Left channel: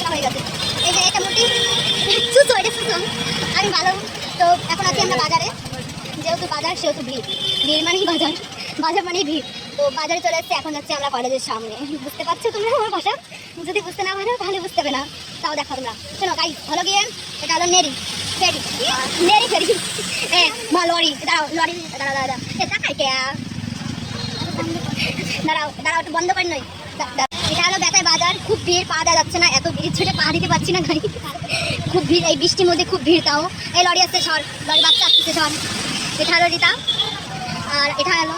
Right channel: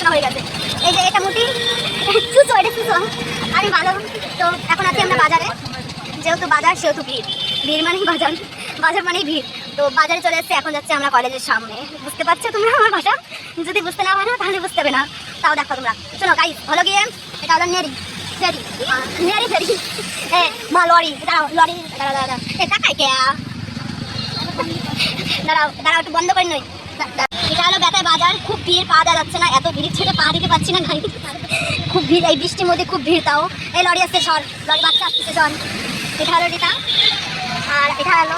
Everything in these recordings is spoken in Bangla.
পড়াশোনা হয়ে গেছে। এই যে এটা মুটি চুচো, এটা চুচো আরে ভালো। তো এখন আছি আমরা বাজারে, যেহেতু বাজার সেহেতু ভিড়, ভিড় মানেই বাজার, বাজার মানেই ভিড়। তো বাজারে চলে এসেছি, এখন যাচ্ছে আমরা কলেজের সামনে। বুঝতে পারছো তোমরা আমার ভাষা? যদি বুঝতে না পারো তাহলে বুঝতে হবে না, তাও দেখো তোমরা। শোনো গাইস, হলো গিয়ে এটা হলো নেরি ফেরি, নেরি ফেরি মা লরি, দাঁড়াও লরি, দাঁড়াও দাঁড়াও এ টাকায় কে, দাঁড়াও দাঁড়াও একটু বন্ধ করে নই। এটা হলো বেতায় বাজার, খুব ভিড়, পা দেওয়া যাচ্ছে না, এত ভিড় ছেড়ে পা দিতে পারছি না গাড়ি, খুব ভিড়, এই বৃষ্টির মধ্যে খুব ভিড়। তাও এই লরি আসছে সর, লরি বাচ্চা আসছে সর। এটা হলো রিতা, আর এটা হলো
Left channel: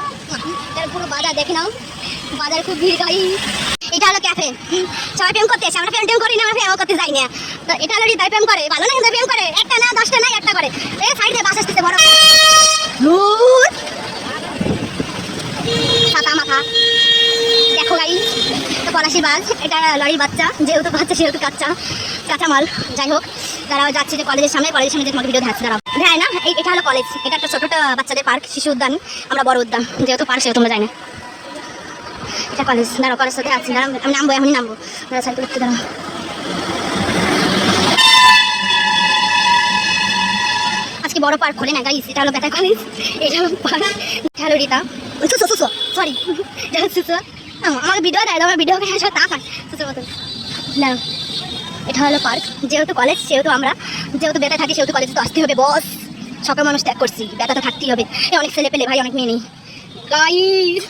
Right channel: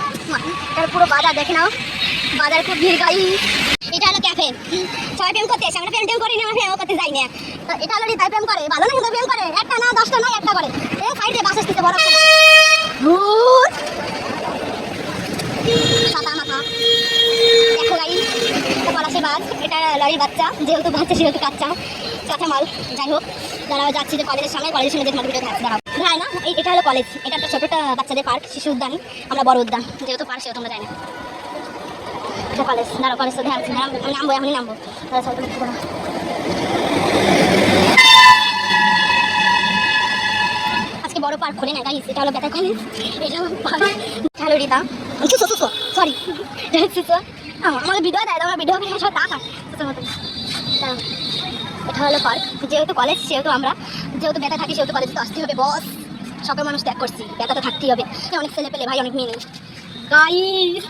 এটার পুরো বাজার দেখে নাও, বাজার খুব ভিড় গাড়ি। এটা হলো ক্যাফে, সবাই প্রেম করতে আসে, আমরা প্রেম করি না, আমরা প্রেম করতে যাই না। তো এটা হলো রিতাই প্রেম করে, ভালো না প্রেম করে, একটা না 10টা না একটা করে। এই সাইডে বাস আসতেছে বড় ছাতা মাথা, দেখো গাড়ি পলাশি বাস। এটা লরির বাচ্চা, যেহেতু বাচ্চা সেহেতু কাঁচা কাঁচা মাল। যাই হোক দাঁড়াও, যাচ্ছি যে কলেজের সামনে, কলেজের সামনে যে তোমাকে ভিডিও দেখাচ্ছি, দাঁড়াও দেখায় না। এটা হলো কলেজ, এটা একটা ছোট বাচ্চাদের পার্ক, শিশু উদ্যান, আমরা বড় উদ্যান, যেহেতু পার্ক সেহেতু তোমরা যাই না। এটা কলেজ, দাঁড়াও কলেজ তো দেখাচ্ছি, দাঁড়াও আমি নামবো, এখনই নামবো, দাঁড়া সাইকেল উঠতে দাঁড়াও। আজকে বড় পার্ক খোলে না গাইস, এটা হলো বেটা কলেজ, এটা হলো পার্ক। এটা হলো রিতা, সরি আমার ভিডিও দেয়, আমার ভিডিও সব টাকা সুসোর মতো না। এটা হলো পার্ক, যেহেতু কলেজ সেহেতু আমরা, যেহেতু বেটা থাকি সেহেতু কলেজে তো আসতে হবে বস, সকল মানুষ ত্যাগ করছি, বেটা তো থাকতেই হবে। অনেক ছেলে পেলে ভাই, অনেক মেয়ে নেই গাইস।